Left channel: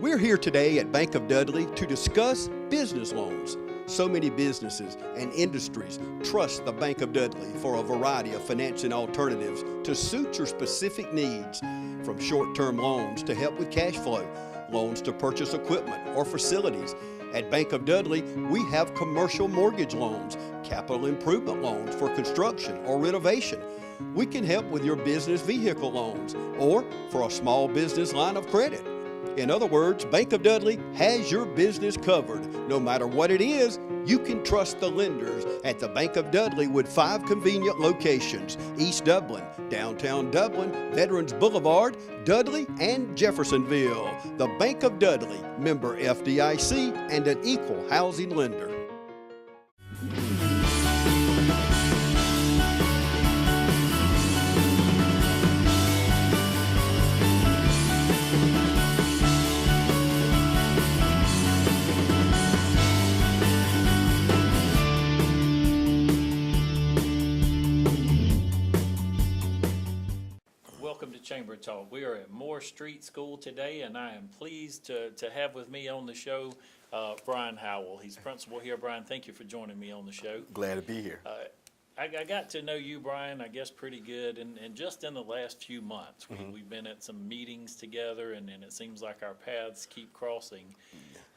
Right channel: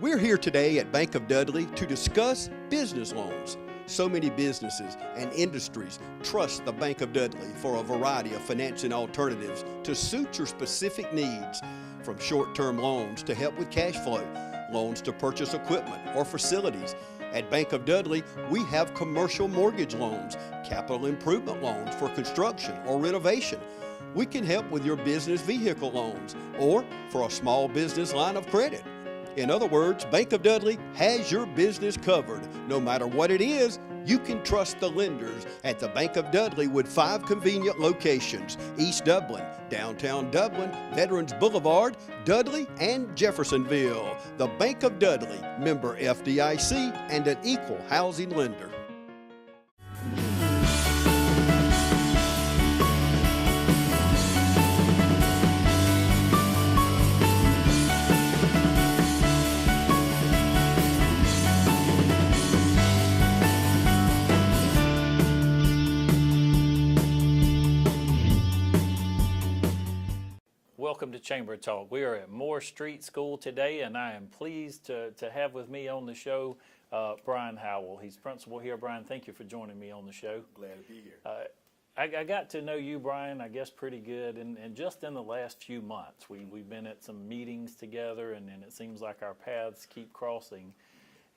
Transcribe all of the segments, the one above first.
We're here today at Bank of Dudley to discuss business loans. So many businesses and industries trust the Bank of Dudley for a variety of financing alternatives to suit your specific needs, from short-term loans to help with cash flow, loans to purchase equipment or facilities. At Bank of Dudley, we have commercial mortgage loans, capital improvement loans for construction or renovation. We can help with your business vehicle loans or for a small business line of credit. In other words, Bank of Dudley has your business covered. No matter what it is, you can trust the lenders at the Bank of Dudley with 5 convenient locations: East Dublin, downtown Dublin, Veterans Boulevard, Dudley, and Jeffersonville. The Bank of Dudley, member FDIC, and an equal housing lender. Welcome to Chamber Talk. We are at Moore Street School today, and I am pleased to have with me on the show Brian Howell. He's principal here. Brian, thank you for joining me on the show. Glad to be here. I got to know you, Brian, I guess pretty good, and just in the last few months. We've been at some meetings together, and it seems like our paths keep crossing.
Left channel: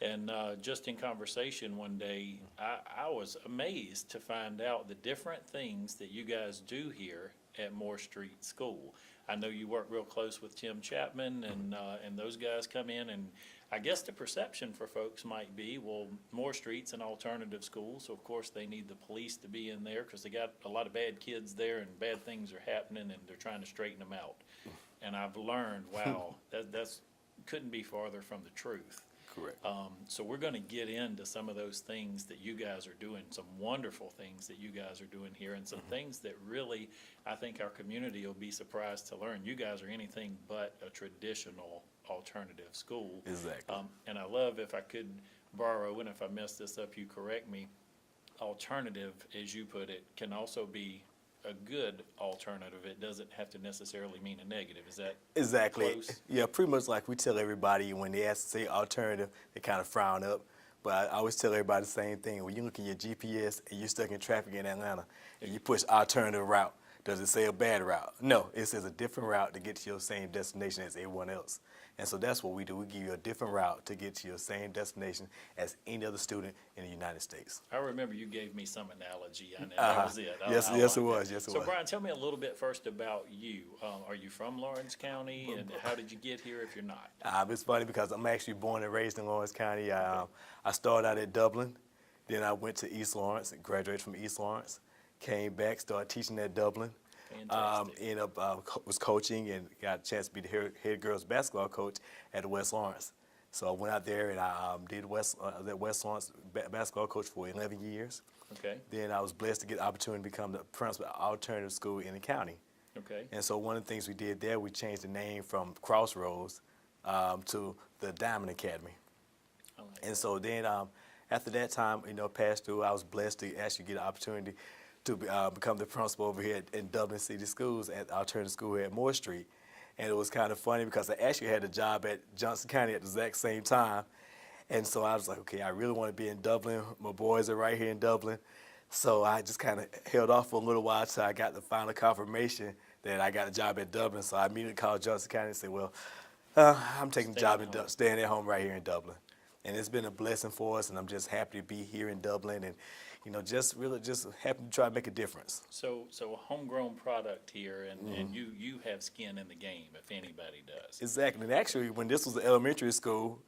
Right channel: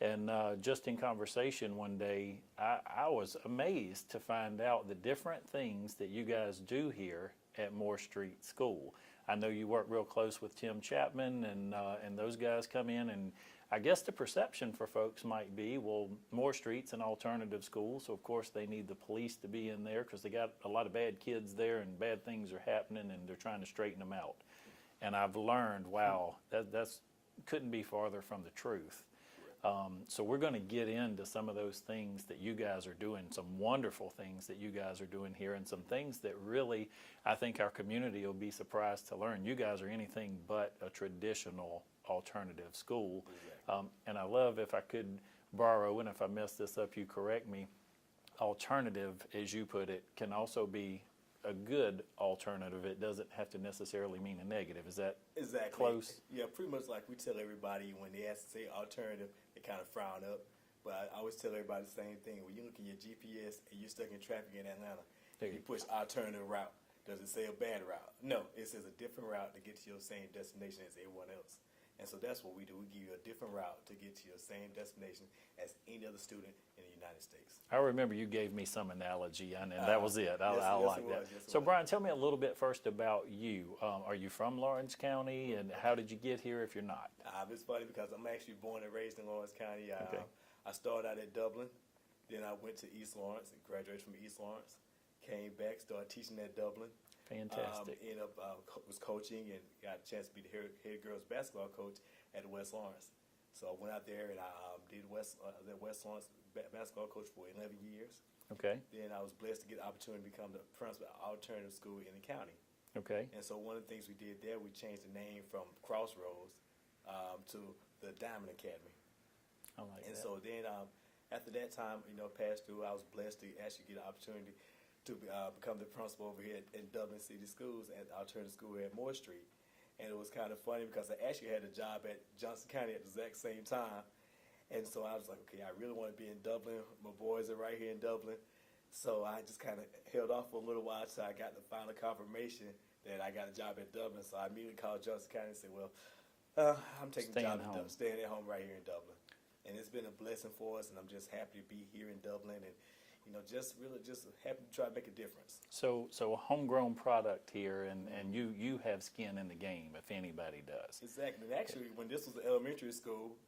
And just in conversation one day, I was amazed to find out the different things that you guys do here at Moore Street School. I know you work real close with Tim Chapman, and those guys come in, and I guess the perception for folks might be, well, Moore Street's an alternative school, so of course they need the police to be in there because they got a lot of bad kids there and bad things are happening and they're trying to straighten them out. And I've learned, wow, that's couldn't be farther from the truth. Correct. So we're going to get into some of those things that you guys are doing, some wonderful things that you guys are doing here, and some things that really I think our community will be surprised to learn. You guys are anything but a traditional alternative school. Exactly. And I love, if I could borrow, and if I mess this up, you correct me, alternative, as you put it, can also be a good alternative. It doesn't have to necessarily mean a negative. Is that Exactly. close? Yeah, pretty much like we tell everybody when they ask to say alternative, they kind of frown up. But I always tell everybody the same thing. When you look at your GPS and you're stuck in traffic in Atlanta and you push alternative route, does it say a bad route? No, it says a different route to get to your same destination as everyone else. And so that's what we do. We give you a different route to get to your same destination as any other student in the United States. I remember you gave me some analogy, and that was it. Yes, I yes, liked it was. that. Yes, it So, was. Brian, tell me a little bit first about you. Are you from Lawrence County, and how did you get here if you're not? It's funny because I'm actually born and raised in Lawrence County. I started out at Dublin, then I went to East Lawrence and graduated from East Lawrence. Came back, started teaching at Dublin. Fantastic. Ended up was coaching and got a chance to be the head girls basketball coach at West Lawrence. So I went out there and I did West Lawrence basketball coach for 11 years. Okay. Then I was blessed to get the opportunity to become the principal of alternative school in the county. Okay. And so one of the things we did there, we changed the name from Crossroads to the Diamond Academy. I like And that. so then after that time, passed through, I was blessed to actually get an opportunity to become the principal over here in Dublin City Schools at the alternative school here at Moore Street. And it was kind of funny because I actually had a job at Johnson County at the exact same time. And so I was like, okay, I really want to be in Dublin. My boys are right here in Dublin. So I just kind of held off for a little while until I got the final confirmation that I got a job at Dublin. So I immediately called Johnson County and said, well, I'm taking the job in Dublin, staying at home right here in Dublin. And it's been a blessing for us, and I'm just happy to be here in Dublin and, just really just happy to try to make a difference. So a homegrown product here, and you have skin in the game, if anybody does. Exactly. And actually, when this was the elementary school,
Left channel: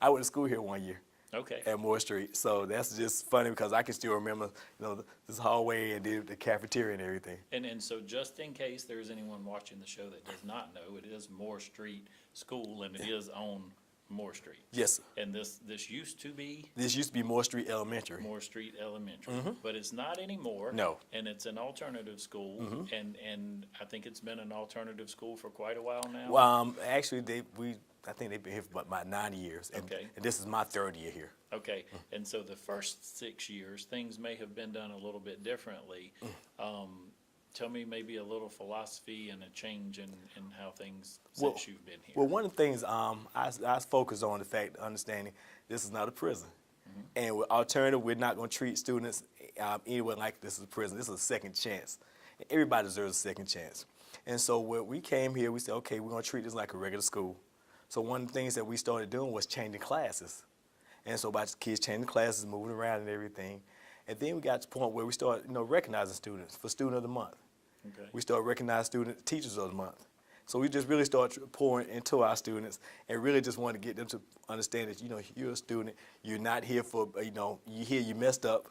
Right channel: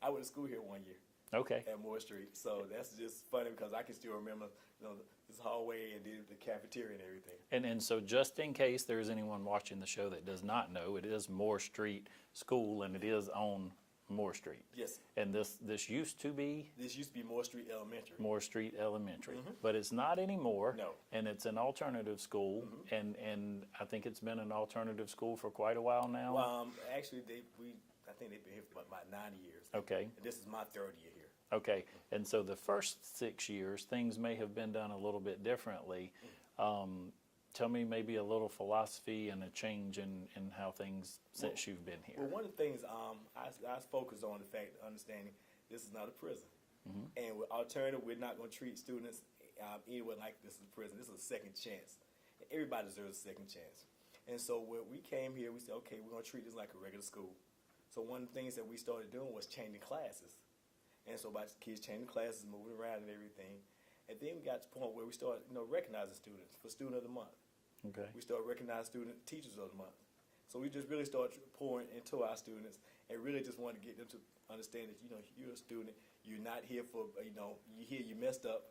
I went to school here one year. Okay. At Moore Street. So that's just funny because I can still remember, this hallway and the cafeteria and everything. And so just in case there's anyone watching the show that does not know, it is Moore Street School, and it is on Moore Street. Yes, sir. And this used to be This used to be Moore Street Elementary. Moore Street Elementary, but it's not anymore. No. And it's an alternative school, and I think it's been an alternative school for quite a while now. Well, actually, I think they've been here for about 9 years. Okay. And this is my 3rd year here. Okay, and so the first 6 years, things may have been done a little bit differently. tell me maybe a little philosophy and a change in how things Well- since you've been here. Well, one of the things I focus on the fact, understanding this is not a prison. And with alternative, we're not going to treat students anywhere like this is a prison. This is a second chance. And everybody deserves a second chance. And so when we came here, we said, okay, we're going to treat this like a regular school. So one of the things that we started doing was changing classes. And so by kids changing classes, moving around and everything. And then we got to the point where we started, recognizing students for Student of the Month. Okay. We started recognizing Teachers of the Month. So we just really started pouring into our students and really just wanted to get them to understand that, you're a student. You're not here for, you're here, you messed up.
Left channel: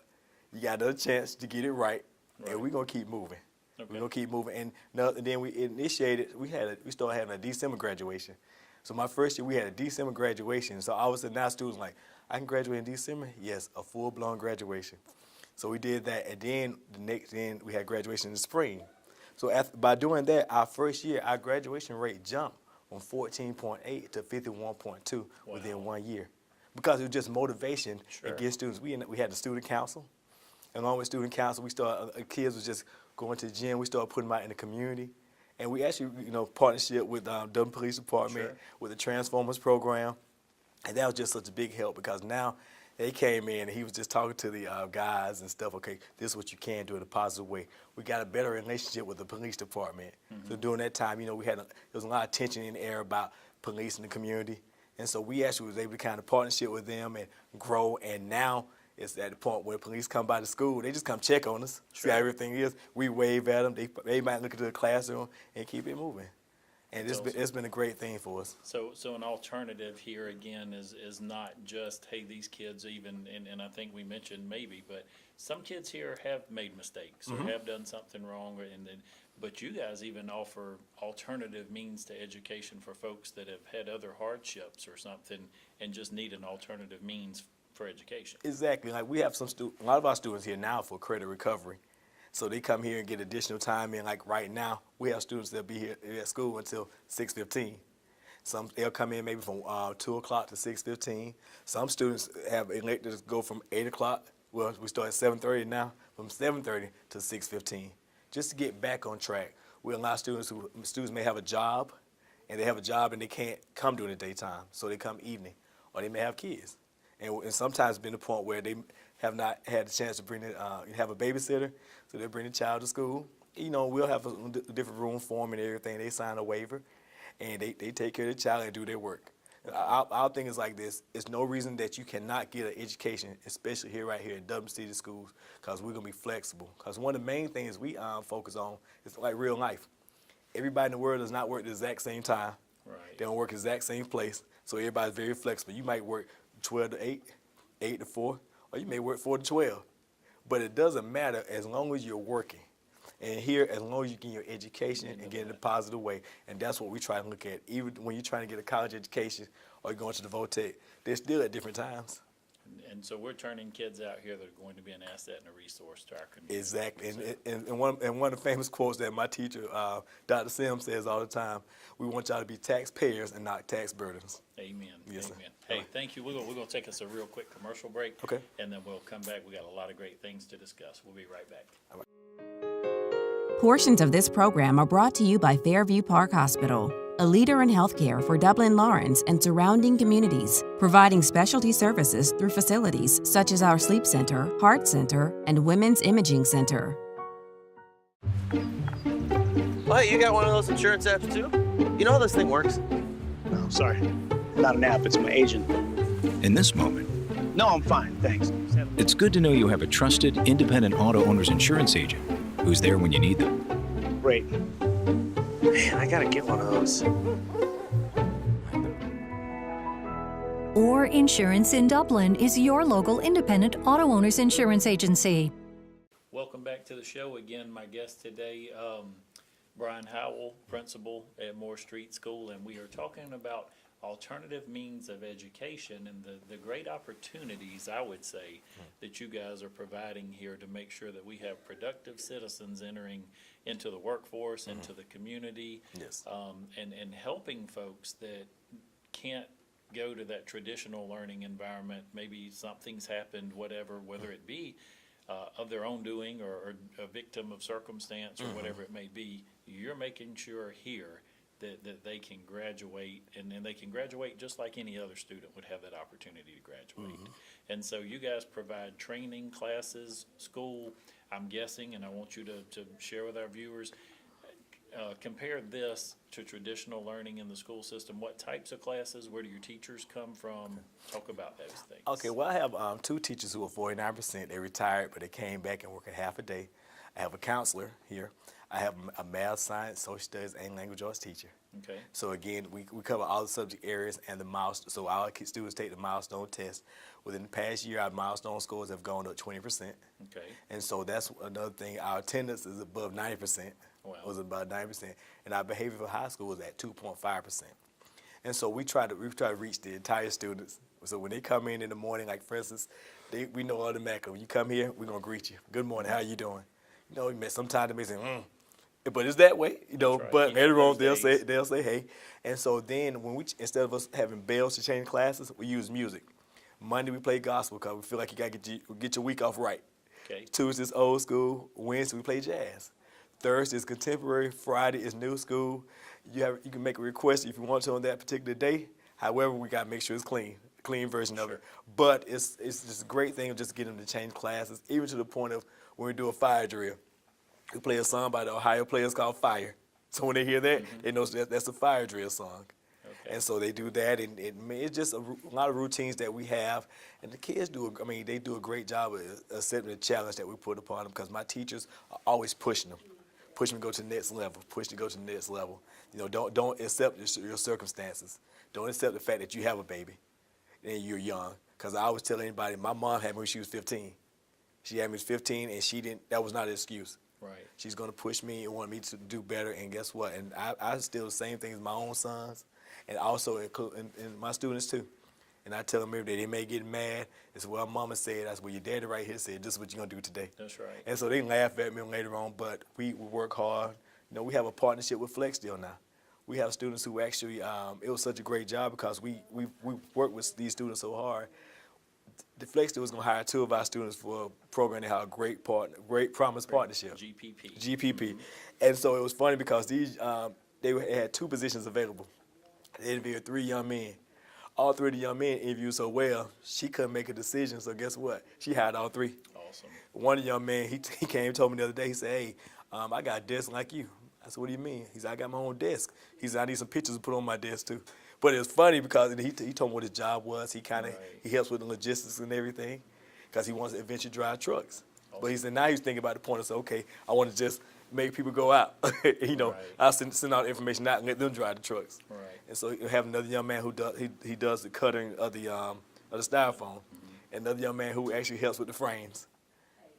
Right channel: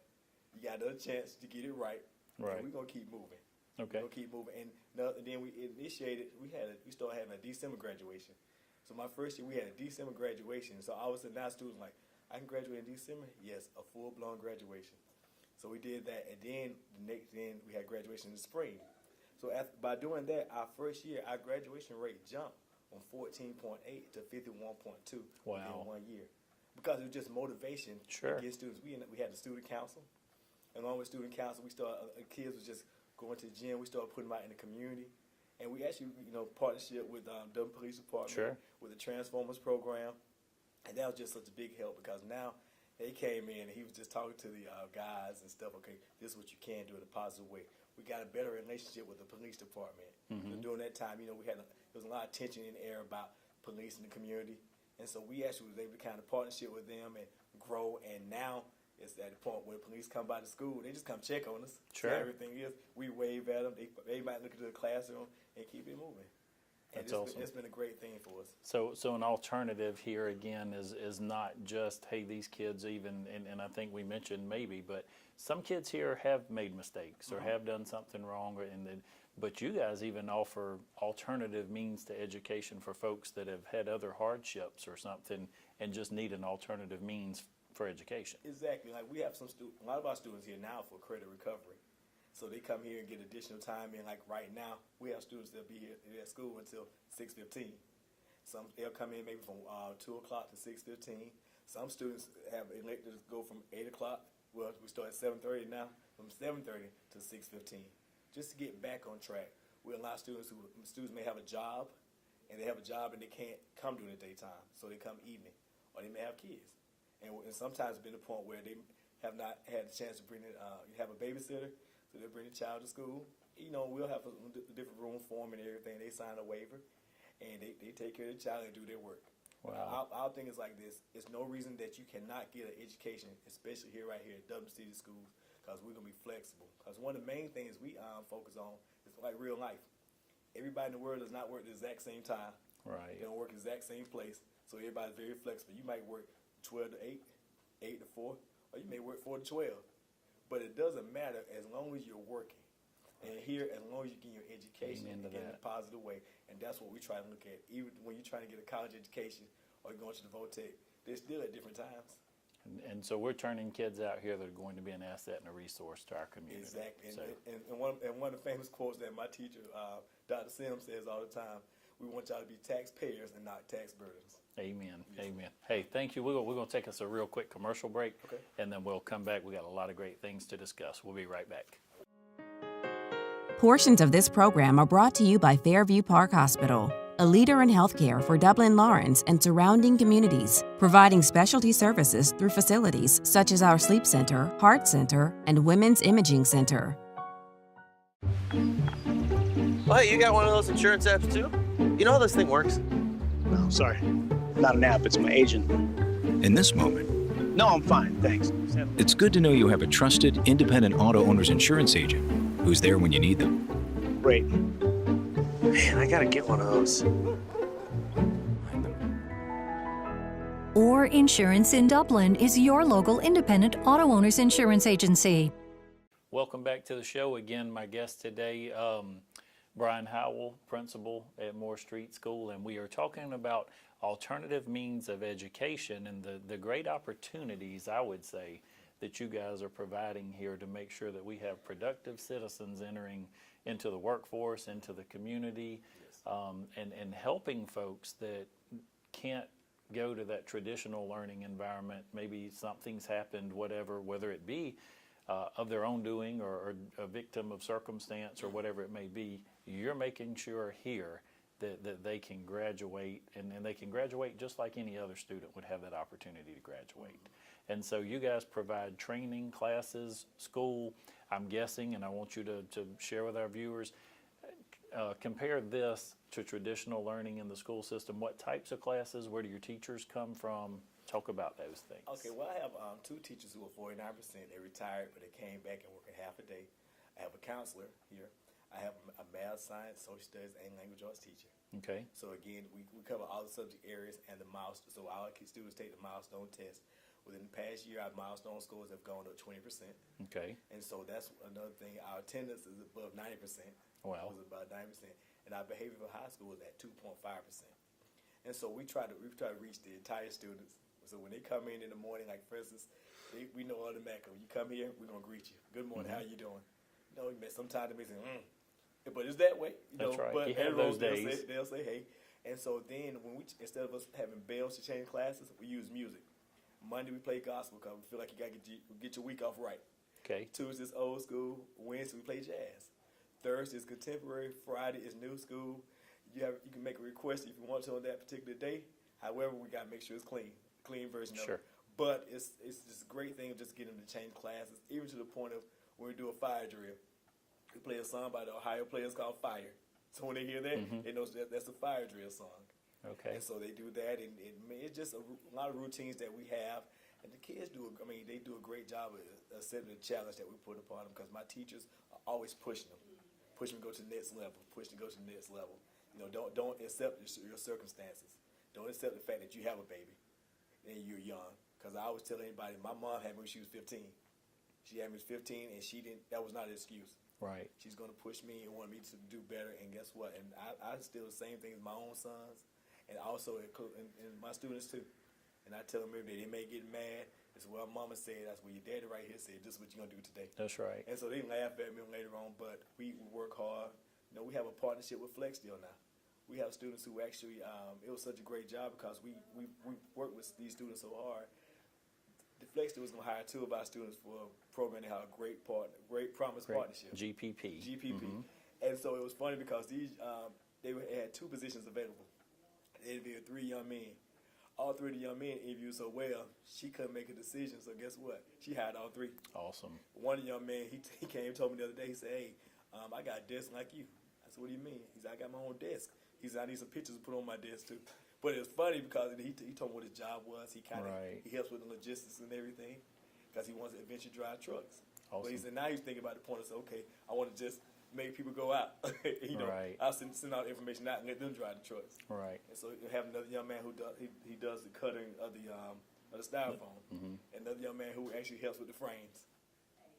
You got another chance to get it right. And we're going to keep moving. Okay. We're going to keep moving. And then we initiated, we started having a December graduation. So my first year, we had a December graduation. So I was saying now students like, I can graduate in December? Yes, a full-blown graduation. So we did that, and then then we had graduation in the spring. So by doing that, our first year, our graduation rate jumped from 14.8 to 51.2 within 1 year. Because it was just motivation and get students. We had the student council. And along with student council, we started, kids was just going to the gym. We started putting them out in the community. And we actually, partnership with Dublin Police Department, with the Transformers program. And that was just such a big help because now they came in and he was just talking to the guys and stuff. Okay, this is what you can do in a positive way. We got a better relationship with the police department. So during that time, there was a lot of tension in the air about police in the community. And so we actually was able to kind of partnership with them and grow. And now it's at the point where police come by the school, they just come check on us, see how everything is. We wave at them. They might look into the classroom and keep it moving. And it's been a great thing for us. So an alternative here again is not just, hey, these kids even, and I think we mentioned maybe, but some kids here have made mistakes or have done something wrong, but you guys even offer alternative means to education for folks that have had other hardships or something and just need an alternative means for education. Exactly. Like we have a lot of our students here now for credit recovery. So they come here and get additional time in. Like right now, we have students that'll be here at school until 6:15. They'll come in maybe from 2 o'clock to 6:15. Some students have elected to go from 8 o'clock. Well, we start at 7:30 now, from 7:30 to 6:15, just to get back on track. We allow students may have a job, and they they can't come during the daytime, so they come evening, or they may have kids, and sometimes been a point where they have not had a chance to have a babysitter. So they bring the child to school. We'll have a different room for them and everything. They sign a waiver, and they take care of the child and do their work. Our thing is like this. There's no reason that you cannot get an education, especially right here in Dublin City Schools, because we're going to be flexible. Because one of the main things we focus on is like real life. Everybody in the world does not work the exact same time. Right. They don't work the exact same place. So everybody's very flexible. You might work 12 to 8, 8 to 4, or you may work 4 to 12. But it doesn't matter as long as you're working. And here, as long as you get your education and get it in a positive way. And that's what we try to look at. Even when you're trying to get a college education or you're going to the VOTEC, they're still at different times. And so we're turning kids out here that are going to be an asset and a resource to our community. Exactly. And one of the famous quotes that my teacher, Dr. Sims, says all the time, we want y'all to be taxpayers and not tax burdens. Amen. Yes, Amen. sir. Hey, thank you. We're going to take us a real quick commercial break. Okay. And then we'll come back. We got a lot of great things to discuss. We'll be right back. Portions of this program are brought to you by Fairview Park Hospital, a leader in healthcare for Dublin, Lawrence, and surrounding communities, providing specialty services through facilities such as our Sleep Center, Heart Center, and Women's Imaging Center. Oh, hey, you got one of those insurance apps too? You know how this thing works? No, sorry. Not an app, it's my agent. In this moment, No, I'm fine, thanks. it's good to know you have a trusted, independent auto owner's insurance agent who's there when you need them. Great. Man, I gotta get one of those. Or Insurance in Dublin is your local independent auto owners insurance agency. Welcome back to the show. Again, my guest today, Brian Howell, principal at Moore Street School, and we are talking about alternative means of education and the great opportunities, I would say, that you guys are providing here to make sure that we have productive citizens entering into the workforce, into the community, Yes. and helping folks that can't go to that traditional learning environment. Maybe something's happened, whatever, whether it be of their own doing or a victim of circumstance or whatever it may be, you're making sure here that they can graduate, and they can graduate just like any other student would have that opportunity to graduate. And so you guys provide training, classes, school, I'm guessing, and I want you to share with our viewers, compare this to traditional learning in the school system. What types of classes? Where do your teachers come from? Talk about those things. Okay, well, I have 2 teachers who are 49%. They retired, but they came back and work a half a day. I have a counselor here. I have a math, science, social studies, and language arts teacher. Okay. So again, we cover all the subject areas and the milestone. So our students take the milestone test. Within the past year, our milestone scores have gone up 20%. Okay. And so that's another thing. Our attendance is above 90%. Wow. Was about 90%, and our behavior for high school was at 2.5%. And so we try to reach the entire students. So when they come in the morning, like for instance, we know automatically when you come here, we're gonna greet you. Good morning, how you doing? You know, sometimes they may say, but it's that way, you know. Right. But You have later on, those they'll say hey. And so then when instead of us having bells to change classes, we use music. Monday we play gospel because we feel like you gotta get your week off right. Okay. Tuesday's old school. Wednesday we play jazz. Thursday is contemporary. Friday is new school. You can make a request if you want to on that particular day. However, we gotta make sure it's clean version of it. But it's just a great thing of just getting them to change classes, even to the point of when we do a fire drill. We play a song by the Ohio Players called Fire. So when they hear that, they know that's a fire drill song. Okay. And so they do that, and it's just a lot of routines that we have. And the kids they do a great job of accepting the challenge that we put upon them, because my teachers are always pushing them. Push them to go to the next level. Push to go to the next level. You know, don't accept your circumstances. Don't accept the fact that you have a baby and you're young. Because I always tell anybody, my mom had me when she was 15. She had me at 15, and she didn't. That was not an excuse. Right. She's gonna push me and want me to do better. And guess what? And I still the same things my own sons, and also include my students too. And I tell them every day, they may get mad. It's what mama said. That's what your daddy right here said. This is what you're gonna do today. That's right. And so they laugh at me later on, but we work hard. You know, we have a partnership with Flex Deal now. We have students who actually, it was such a great job because we work with these students so hard. The Flex Deal was gonna hire 2 of our students for a program they had a great promise partnership. GPP. And so it was funny because these they had 2 positions available. They interviewed 3 young men. All 3 of the young men interviewed so well, she couldn't make a decision. So guess what? She hired all 3. Awesome. One of the young men, he came and told me the other day, he said, hey, I got a desk like you. I said, what do you mean? He said, I got my own desk. He said, I need some pictures to put on my desk too. But it was funny because he told me what his job was. He he helps with the logistics and everything because he wants to eventually drive trucks. Awesome. But he said, now he's thinking about the point of, okay, I want to just make people go out. You know, I'll send out information out and let them drive the trucks. Right. And so you have another young man who does he does the cutting of the styrofoam, and another young man who actually helps with the frames.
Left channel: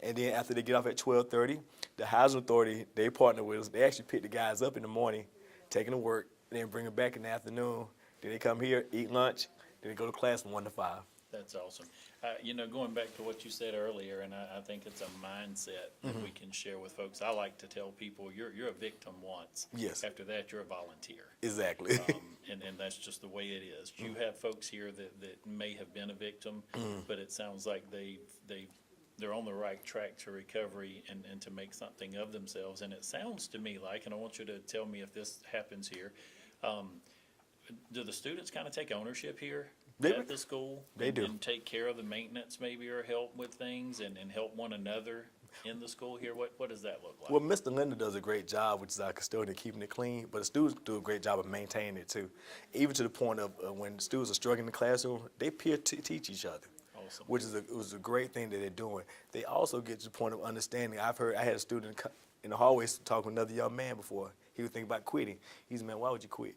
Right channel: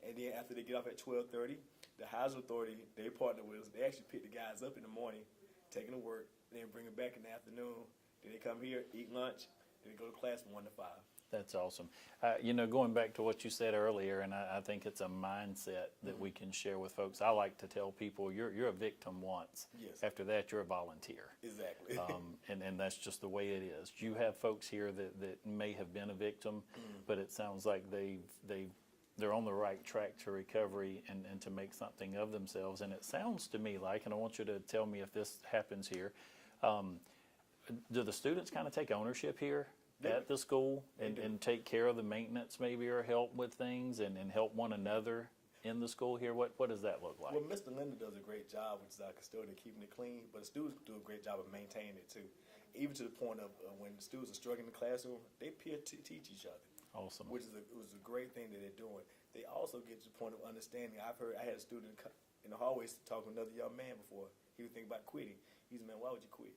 And then after they get off at 12:30, the housing authority, they partner with us. They actually pick the guys up in the morning, take them to work, and then bring them back in the afternoon. Then they come here, eat lunch, then they go to class from 1 to 5. That's awesome. You know, going back to what you said earlier, and I think it's a mindset that we can share with folks. I like to tell people you're a victim once. Yes. After that, you're a volunteer. Exactly. And that's just the way it is. You have folks here that may have been a victim, but it sounds like they're on the right track to recovery and to make something of themselves. And it sounds to me like, and I want you to tell me if this happens here, do the students kind of take ownership here at the school? They do. And take care of the maintenance maybe, or help with things and help one another in the school here? What does that look like? Well, Mr. Linda does a great job, which is our custodian, keeping it clean, but the students do a great job of maintaining it too. Even to the point of when students are struggling in the classroom, they peer teach each other. Awesome. Which is was a great thing that they're doing. They also get to the point of understanding. I had a student in the hallways talking with another young man before. He was thinking about quitting. He said, man, why would you quit?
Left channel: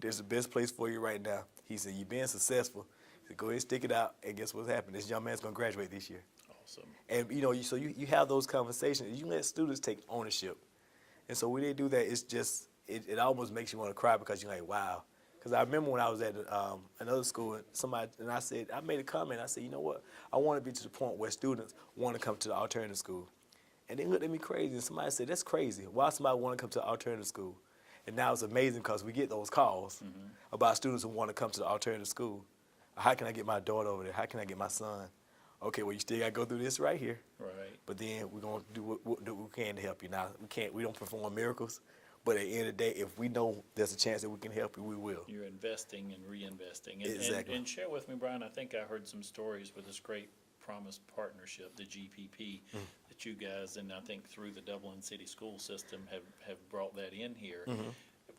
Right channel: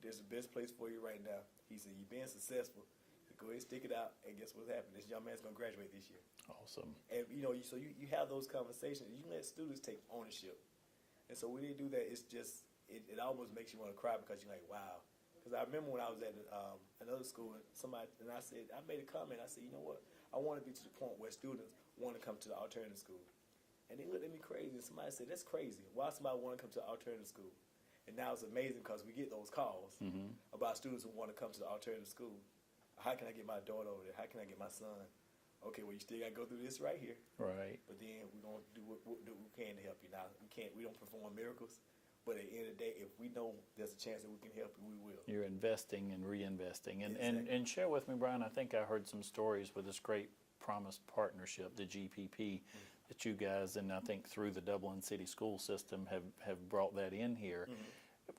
There's the best place for you right now. He said, you're being successful. He said, go ahead and stick it out, and guess what's happening? This young man's going to graduate this year. Awesome. And, you know, so you have those conversations. You let students take ownership. And so when they do that, it's just, it almost makes you want to cry because you're like, wow. Because I remember when I was at another school, and I made a comment. I said, you know what? I want to be to the point where students want to come to the alternative school. And they looked at me crazy, and somebody said, that's crazy. Why somebody want to come to the alternative school? And now it's amazing because we get those calls about students who want to come to the alternative school. How can I get my daughter over there? How can I get my son okay, well, you still got to go through this right here. Right. But then we're going to do what we can to help you. Now, we don't perform miracles, but at the end of the day, if we know there's a chance that we can help you, we will. You're investing and reinvesting. Exactly. And share with me, Brian, I think I heard some stories with this great Promise partnership, the GPP, that you guys, and I think through the Dublin City School System, have brought that in here.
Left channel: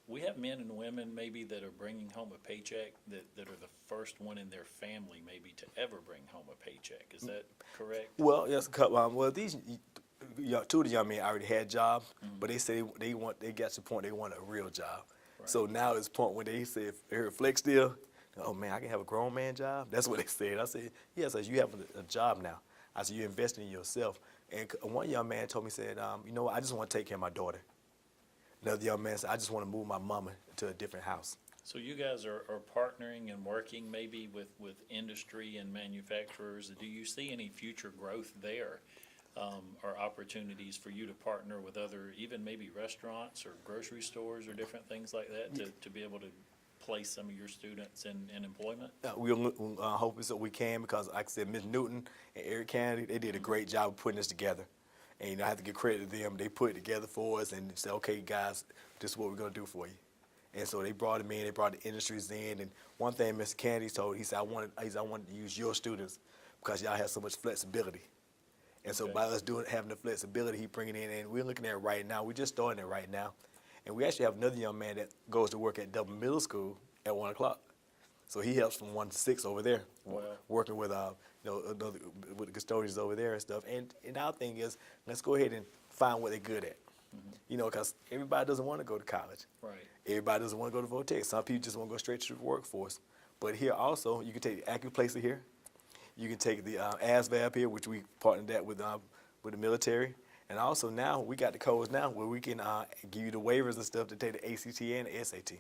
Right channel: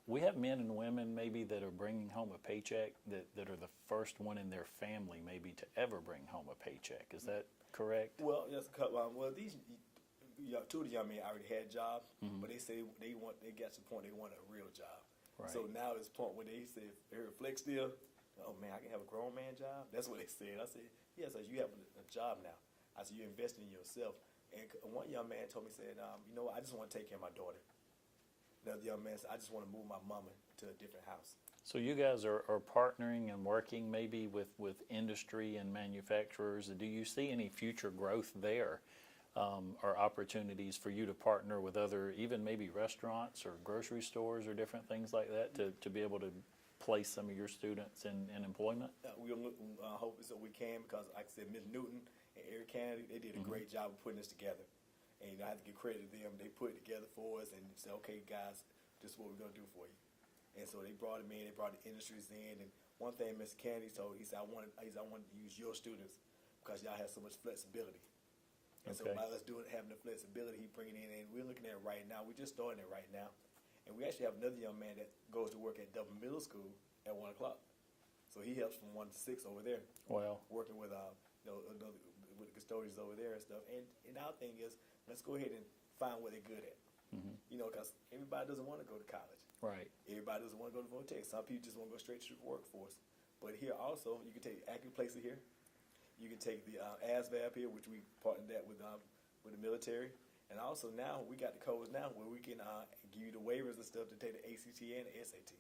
We have men and women maybe that are bringing home a paycheck that are the first one in their family maybe to ever bring home a paycheck. Is that correct? Well, yes, these two of the young men already had jobs, but they said they got to the point they want a real job. Right. So now it's the point when they said, they heard Flex deal, oh man, I can have a grown man job? That's what they said. I said, yes, you have a job now. I said, you're investing in yourself. And one young man told me, said, you know what, I just want to take care of my daughter. Another young man said, I just want to move my mama to a different house. So you guys are partnering and working maybe with industry and manufacturers. Do you see any future growth there, or opportunities for you to partner with other, even maybe restaurants or grocery stores or different things like that to be able to place some of your students in employment? We'll hope so we can, because like I said, Ms. Newton and Eric Kennedy, they did a great job of putting this together. And I have to give credit to them. They put it together for us and said, okay, guys, this is what we're going to do for you. And so they brought them in, they brought the industries in. And one thing Mr. Kennedy told, he said, I wanted to use your students because y'all have so much flexibility. And so by us having the flexibility, he bringing it in, and we're looking at it right now. We're just starting it right now. And we actually have another young man that goes to work at Dublin Middle School at 1 o'clock. So he helps from 1 to 6 over there, working with with the custodians over there and stuff. And our thing is, let's go ahead and find what they're good at. You know, because everybody doesn't want to go to college. Right. Everybody doesn't want to go to Vortex. Some people just want to go straight to the workforce. But here also, you can take the acuplacer here. You can take the ASVAB here, which we partnered that with the military. And also now, we got the codes now where we can give you the waivers and stuff to take the ACT and the SAT.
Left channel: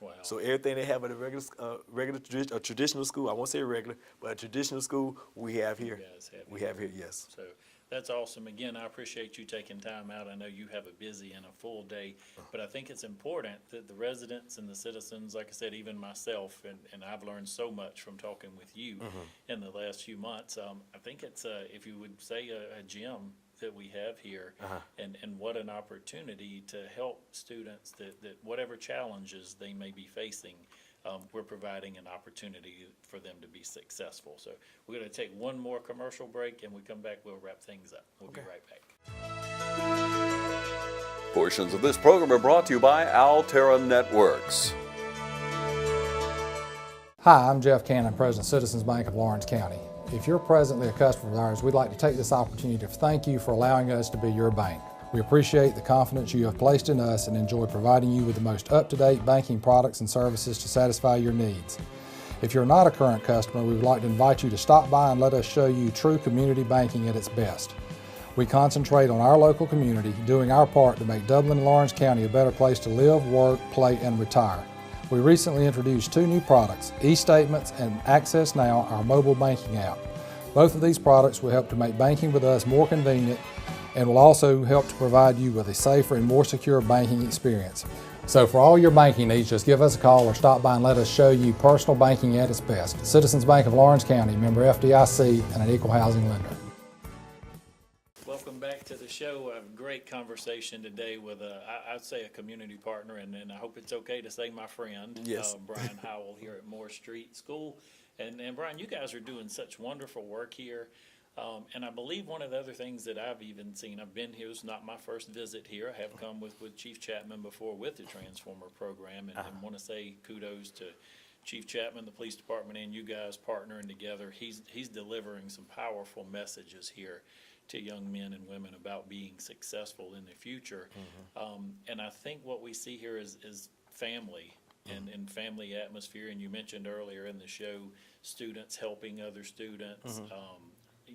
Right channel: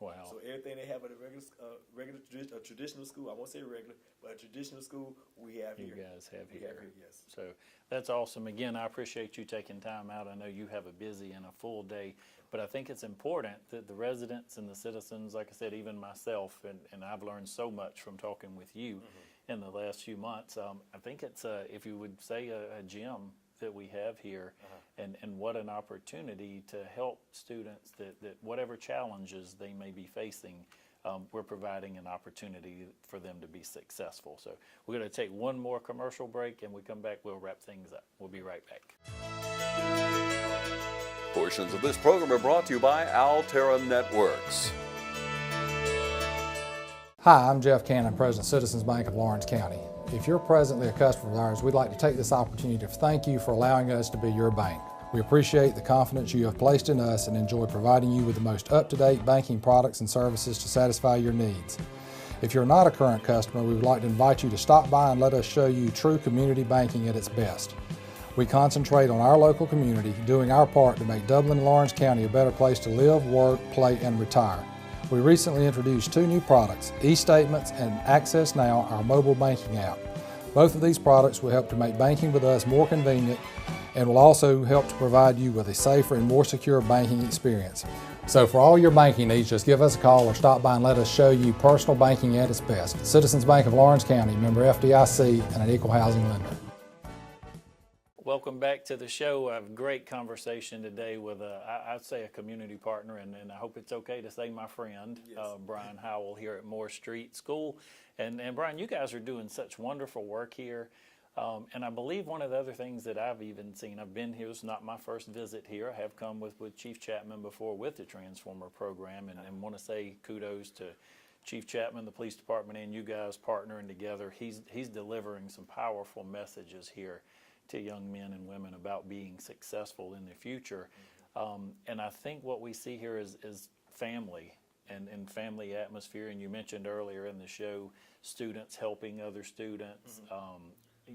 Wow. So everything they have at a traditional school, I won't say regular, but a traditional school, we have here. You guys have we here. have here, yes. So that's awesome. Again, I appreciate you taking time out. I know you have a busy and a full day, but I think it's important that the residents and the citizens, like I said, even myself, and I've learned so much from talking with you in the last few months. I think it's, if you would say, a gem that we have here, and what an opportunity to help students that whatever challenges they may be facing, we're providing an opportunity for them to be successful. So we're going to take one more commercial break, and we come back, we'll wrap things up. We'll be right back. Portions of this program are brought to you by Altera Networks. Hi, I'm Jeff Cannon, President of Citizens Bank of Lawrence County. If you're presently a customer of ours, we'd like to take this opportunity to thank you for allowing us to be your bank. We appreciate the confidence you have placed in us and enjoy providing you with the most up-to-date banking products and services to satisfy your needs. If you're not a current customer, we would like to invite you to stop by and let us show you true community banking at its best. We concentrate on our local community, doing our part to make Dublin and Lawrence County a better place to live, work, play, and retire. We recently introduced 2 new products, eStatements and Access Now, our mobile banking app. Both of these products will help to make banking with us more convenient and will also help to provide you with a safer and more secure banking experience. So for all your banking needs, just give us a call or stop by and let us show you personal banking at its best. Citizens Bank of Lawrence County, member FDIC, and an equal housing lender. Welcome back to the show. A great conversation today with, I'd say, a community partner, and I hope it's okay to say my friend, Yes. Brian Howell here at Moore Street School. And Brian, you guys are doing such wonderful work here. And I believe one of the other things that I've even seen, I've been here, it's not my first visit here. I have come with Chief Chapman before with the Transformer program, and want to say kudos to Chief Chapman, the police department, and you guys partnering together. He's delivering some powerful messages here to young men and women about being successful in the future. And I think what we see here is family and family atmosphere. And you mentioned earlier in the show, students helping other students,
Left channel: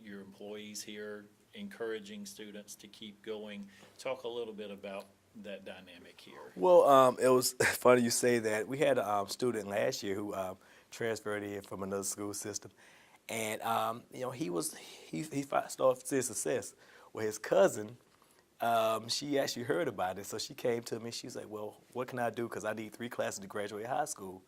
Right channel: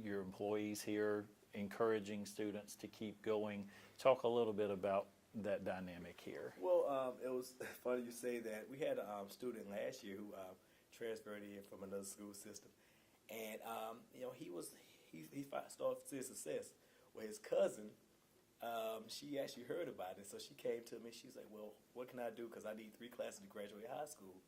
your employees here encouraging students to keep going. Talk a little bit about that dynamic here. Well, it was funny you say that. We had a student last year who transferred in from another school system, and you know, he started to see success. Well, his cousin, she actually heard about it, so she came to me. She was like, "Well, what can I do? Because I need 3 classes to graduate high school."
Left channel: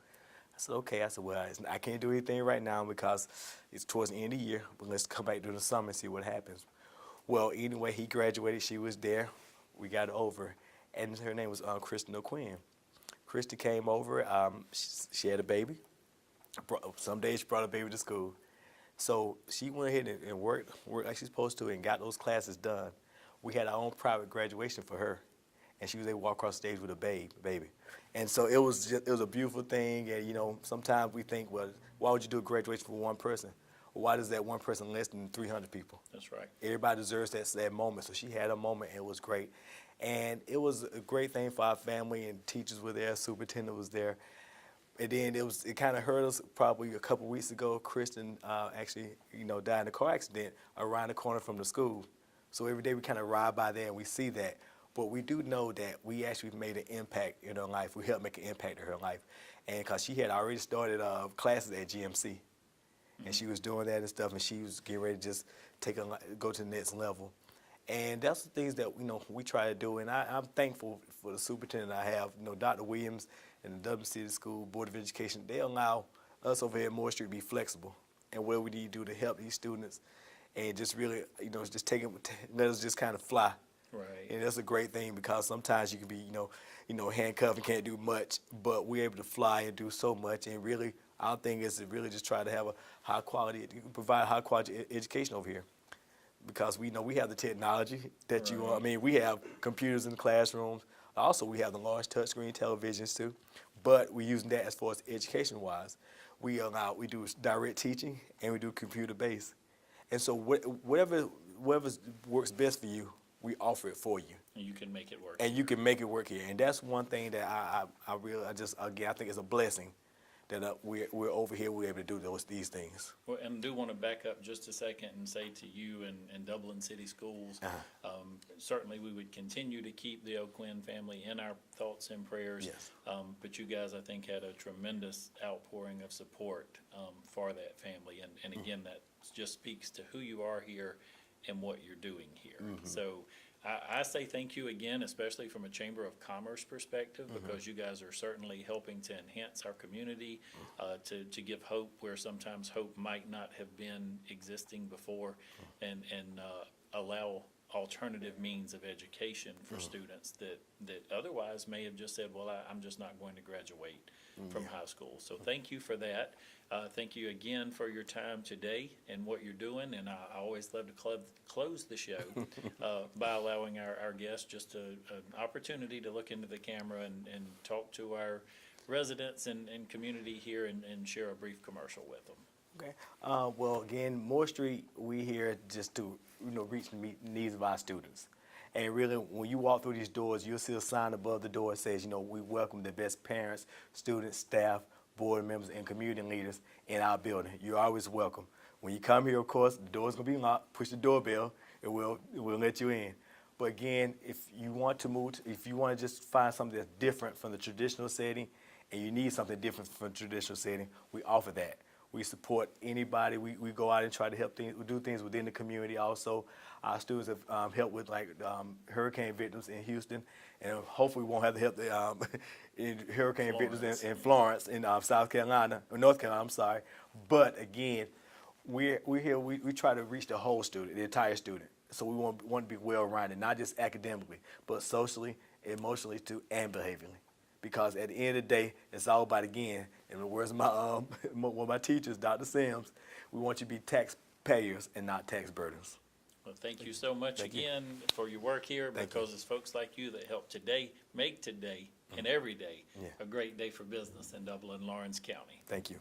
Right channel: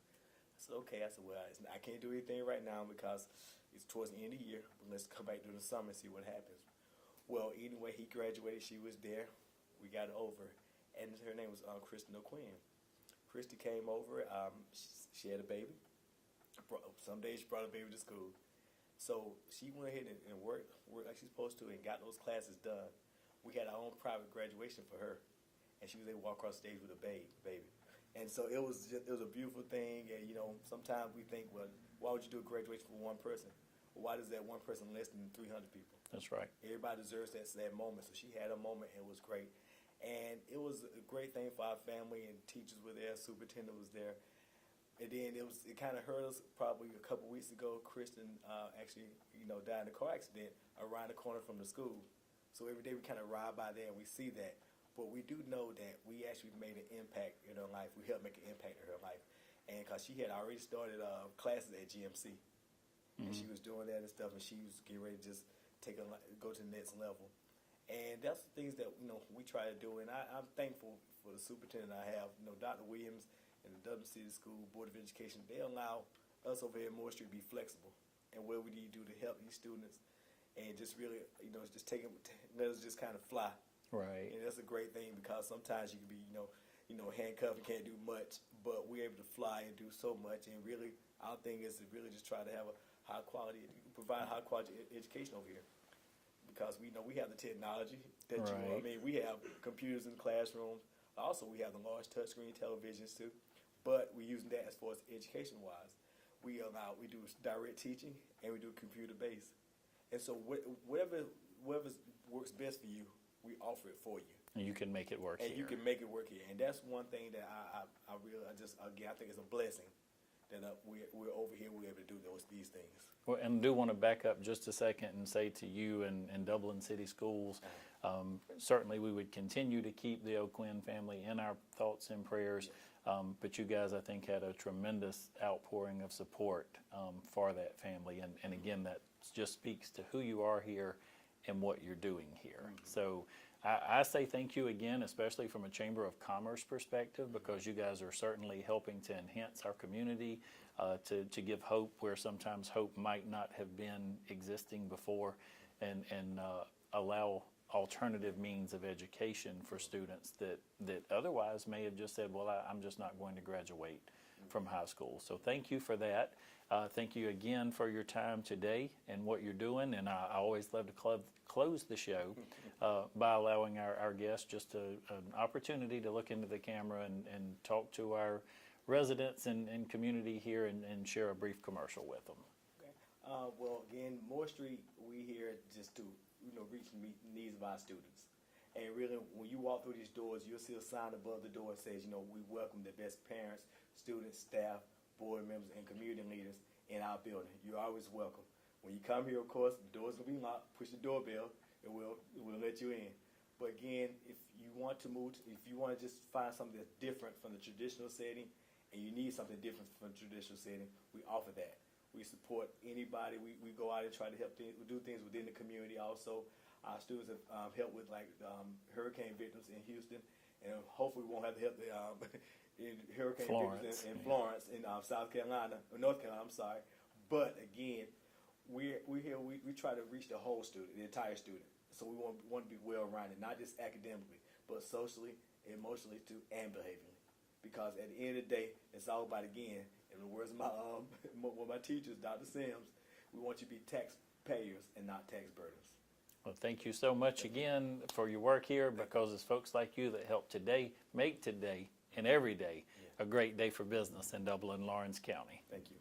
said, okay. I said, well, I can't do anything right now because it's towards the end of the year, but let's come back during the summer and see what happens. Well, anyway, he graduated. She was there. We got it over. And her name was Kristen O'Quinn. Christy came over. She had a baby. Some days she brought a baby to school. So she went ahead and worked like she's supposed to and got those classes done. We had our own private graduation for her, and she was able to walk across the stage with a baby. And so it was a beautiful thing. And you know, sometimes we think, well, why would you do a graduation for one person? Why does that one person less than 300 people? That's right. Everybody deserves that moment. So she had a moment, and it was great. And it was a great thing for our family, and teachers were there, superintendent was there. And then it kind of hurt us probably a couple weeks ago. Kristen actually, died in a car accident around the corner from the school. So every day we kind of ride by there and we see that. But we do know that we actually made an impact in her life. We helped make an impact in her life. And because she had already started classes at GMC. And she was doing that and stuff, and she was getting ready to just go to the next level. And that's the things that we try to do. And I'm thankful for the superintendent I have, Dr. Williams and the Dublin City School Board of Education. They allow us over here at Moore Street to be flexible and what we need to do to help these students, and just really, just let us just kind of fly. Right. And that's a great thing because sometimes you can be, handcuffed and can't do much, but we're able to fly and do so much. And really, our thing is to really just try to have a high quality, provide high quality education over here. Because we know we have the technology that we have computers in the classrooms. Also, we have the large touchscreen televisions too, but we're using that as far as education-wise. We do direct teaching and we do computer-based. And so whatever works best for you, we offer it for you. And you can make it work. And you can make it work here. And that's one thing that I think is a blessing that we're over here, we're able to do these things. Well, and I do want to back up just a second and say to you and Dublin City Schools, certainly we would continue to keep the O'Quinn family in our thoughts and prayers. Yes. But you guys, I think, had a tremendous outpouring of support for that family. And again, that just speaks to who you are here and what you're doing here. So I say thank you again, especially from a Chamber of Commerce perspective, because you guys are certainly helping to enhance our community, to give hope where sometimes hope might not have been existing before, and allow alternative means of education for students that otherwise may have just said, well, I'm just not going to graduate from high school. So thank you for that. Thank you again for your time today and what you're doing. And I always love to close the show by allowing our guests just an opportunity to look into the camera and talk to our residents and community here and share a brief commercial with them. Okay. Well, again, Moore Street, we here just to reach the needs of our students. And really, when you walk through these doors, you'll see a sign above the door that says, we welcome the best parents, students, staff, board members, and community leaders in our building. You're always welcome. When you come here, of course, the door's gonna be locked. Push the doorbell, and we'll let you in. But again, if you want to move, if you want to just find something that's different from the traditional setting, and you need something different from the traditional setting, we offer that. We support anybody. We go out and try to help things. We do things within the community. Also, our students have helped with hurricane victims in Houston, and hopefully we won't have to help the hurricane victims in Florence, in South Carolina or North Carolina. I'm sorry, but again, we're here. We try to reach the whole student, the entire student. So we want to be well-rounded, not just academically, but socially, emotionally, too, and behaviorally. Because at the end of the day, it's all about, again, in the words of one of my teachers, Dr. Sims, we want you to be taxpayers and not tax burdens. Well, thank you so much again for your work here, because it's folks like you that help today make today and every day a great day for business in Dublin, Lawrence County. Thank you.